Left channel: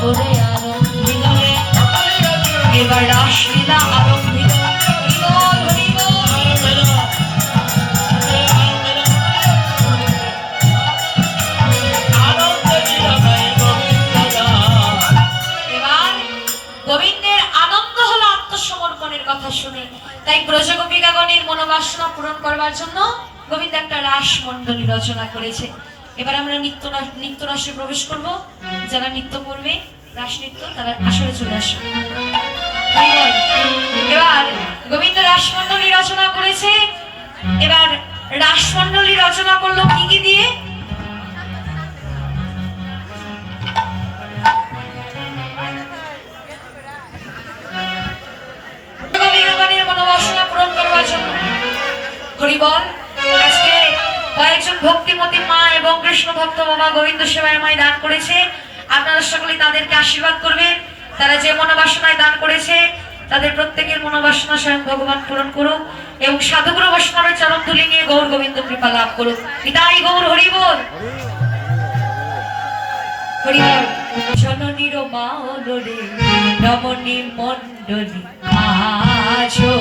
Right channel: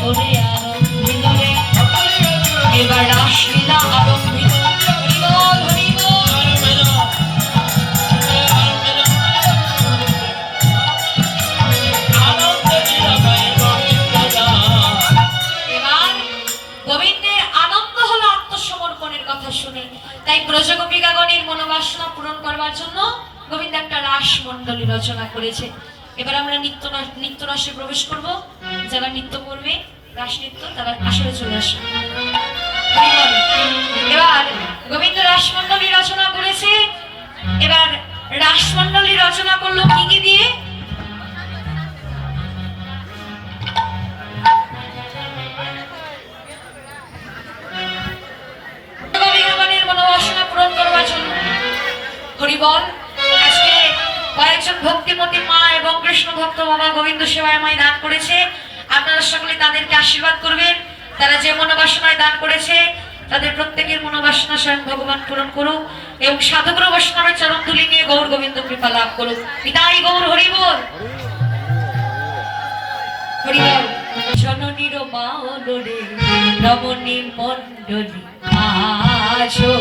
করে আরম্ভিল রে এবার রাসলীলা শুনে। তাই ব্রজগোপিকাগণের মনোবাসনা পূরণ করবার জন্য গোবিন্দ একটা রাস রচনা করেছে। এবার আমরা নিত্য নৃত্য রাসে প্রবেশ করব। যারা নৃত্য করবে, রাস নৃত্য, তারা আসলে চলে আসবে। এবার গোবিন্দ রাসমণ্ডলী রচনা করেছে। এবার রাসমণ্ডলী রচনা করল কি কি দিয়ে? হরিবল। কয়েকজন ভক্তিমতী মা এবং কৃষ্ণ ভক্ত বাবা গোবিন্দ সেবায় আমায় দান করেছে। আপনারা সকলে তাদেরকে আশীর্বাদ করবেন। তারা যে মনোবাসনায় দান করেছে, তাদের প্রত্যেকের মনোবাসনা স্বয়ং ভগবান পূরণ করুক এবং সাধুগুরু বৈষ্ণবের চরণ তুলি নিয়ে গৌর গোবিন্দ কৃপা লাভ করুক। পিতাই গৌর হরিবল জননীর মা রমণী মণ্ডলী আছো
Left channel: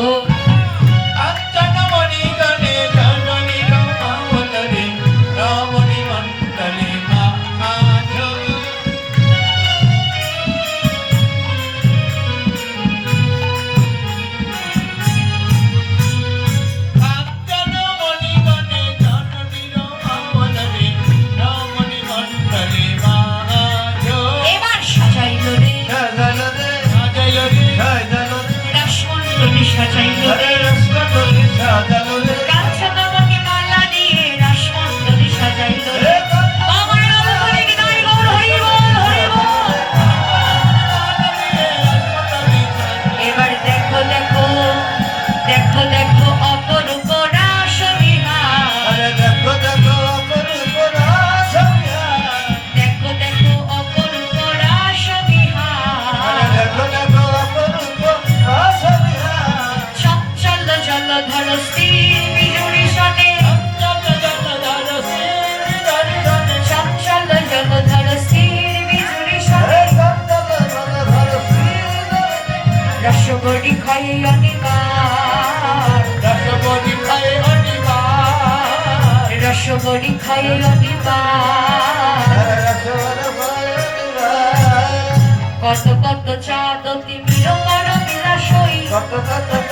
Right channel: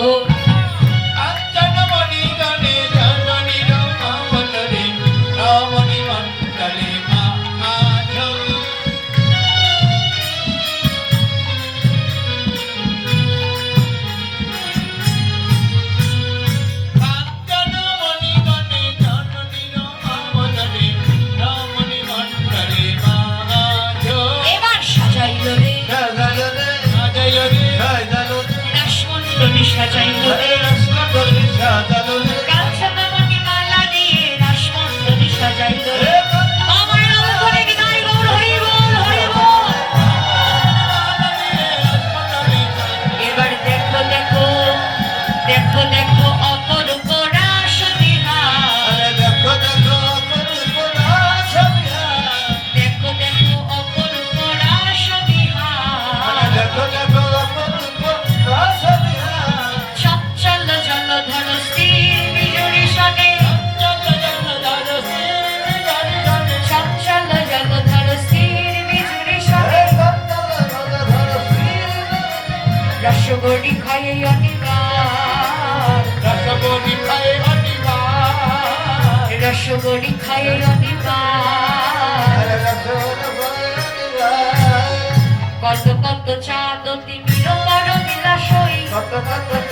রাসমণ্ডলী সাজাইল রসগোড়ি খাই অনিবার। রসগোড়ি খাই অনিবার। কত কত চাঁদ তিমির বড় বিলাসই তিমির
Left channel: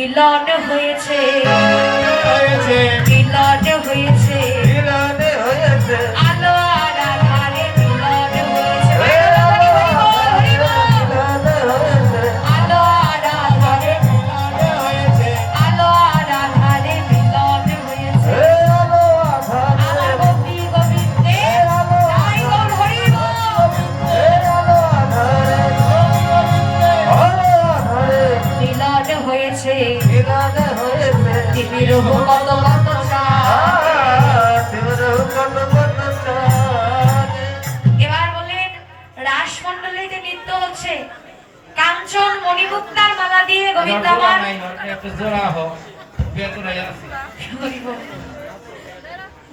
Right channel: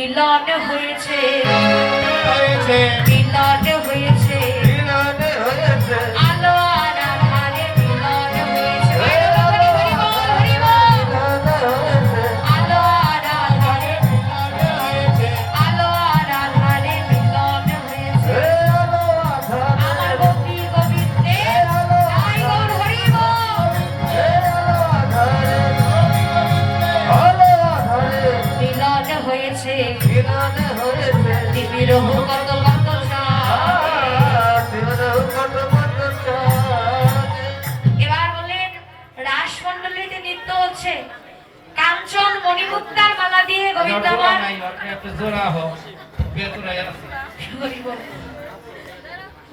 মিলন হয়েছে। মিলন হয়েছে। রাসমণ্ডলীতে নৃত্য হচ্ছে। কাঞ্চন মণিমুক্তার মালা দিয়ে গোবিন্দ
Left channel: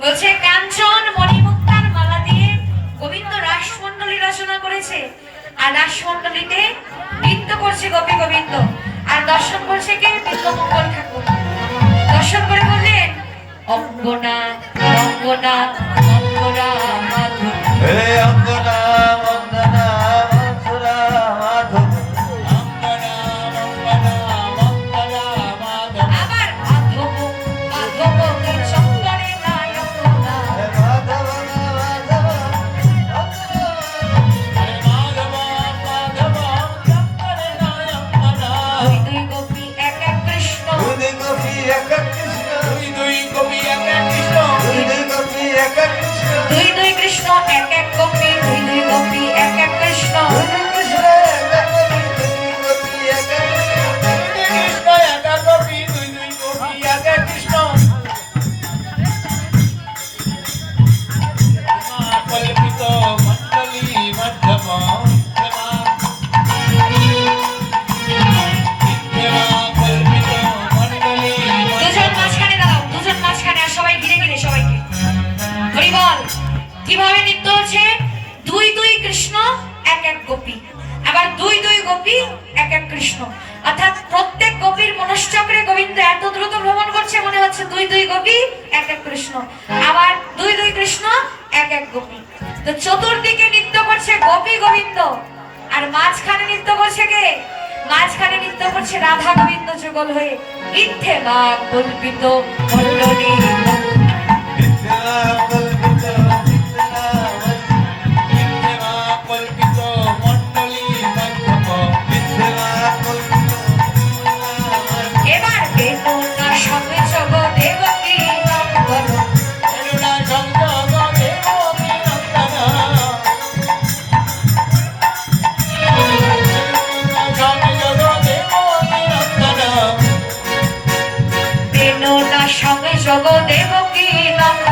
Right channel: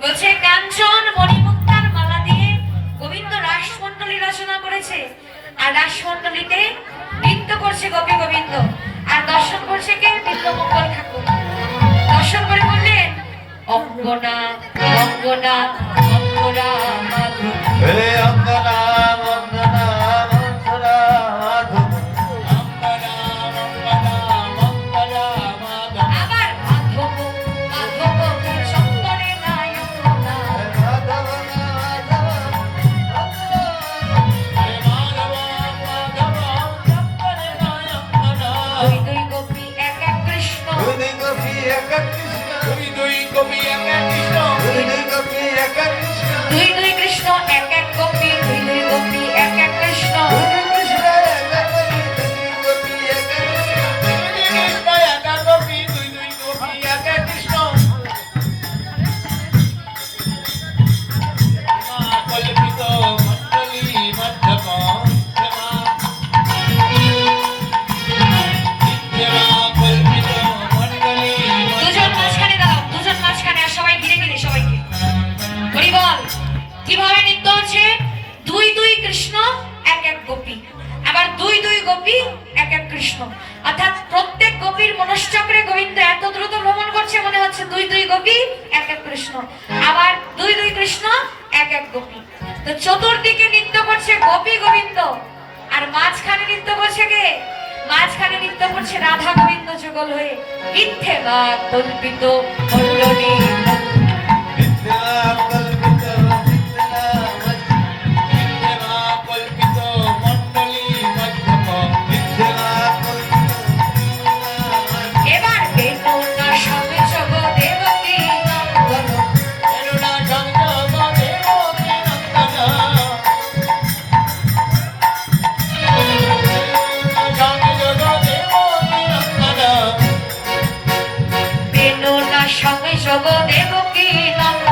বলছে কাঞ্চন মণিমুক্তার মালা দিয়ে গোবিন্দ রাসমণ্ডলী রচনা করেছে। আর রাসমণ্ডলীতে নৃত্য করছে গোপী গোবিন্দ। আর দর্শন করছে কে? বিন্দমঙ্গল ঠাকুর। দর্শন করে বললেন অঙ্গনা অঙ্গনা দুই দুই কবি এক কৃষ্ণ। দুই দুই কবি এক এক কৃষ্ণ। দুই দুই কৃষ্ণ এক এক গোপী, এক এক কৃষ্ণ। অর্থাৎ প্রত্যেক গোপীর মনশ্চক্রে গোবিন্দ এত দ্রুত ভ্রমণ করছে, মনে হচ্ছে দুই দুই গোপী, এক এক কৃষ্ণ। আবার দুই দুই কৃষ্ণ, এক এক গোপী। তো চতুর্দিকে নৃত্য করছে গোপী গোবিন্দ। আর মাঝখানে নৃত্য করছে কে? মাঝখানে নৃত্য করছে রাধা গোবিন্দ যুগল হয়ে। ইথে বা কল্পিত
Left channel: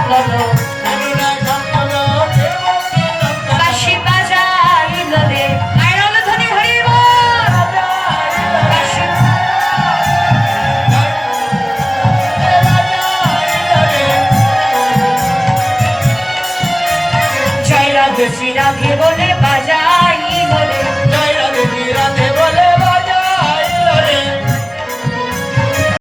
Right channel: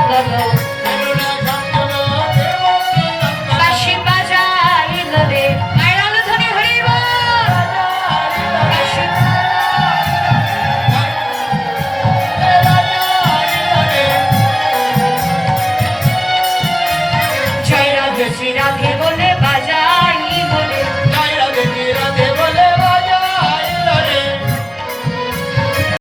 la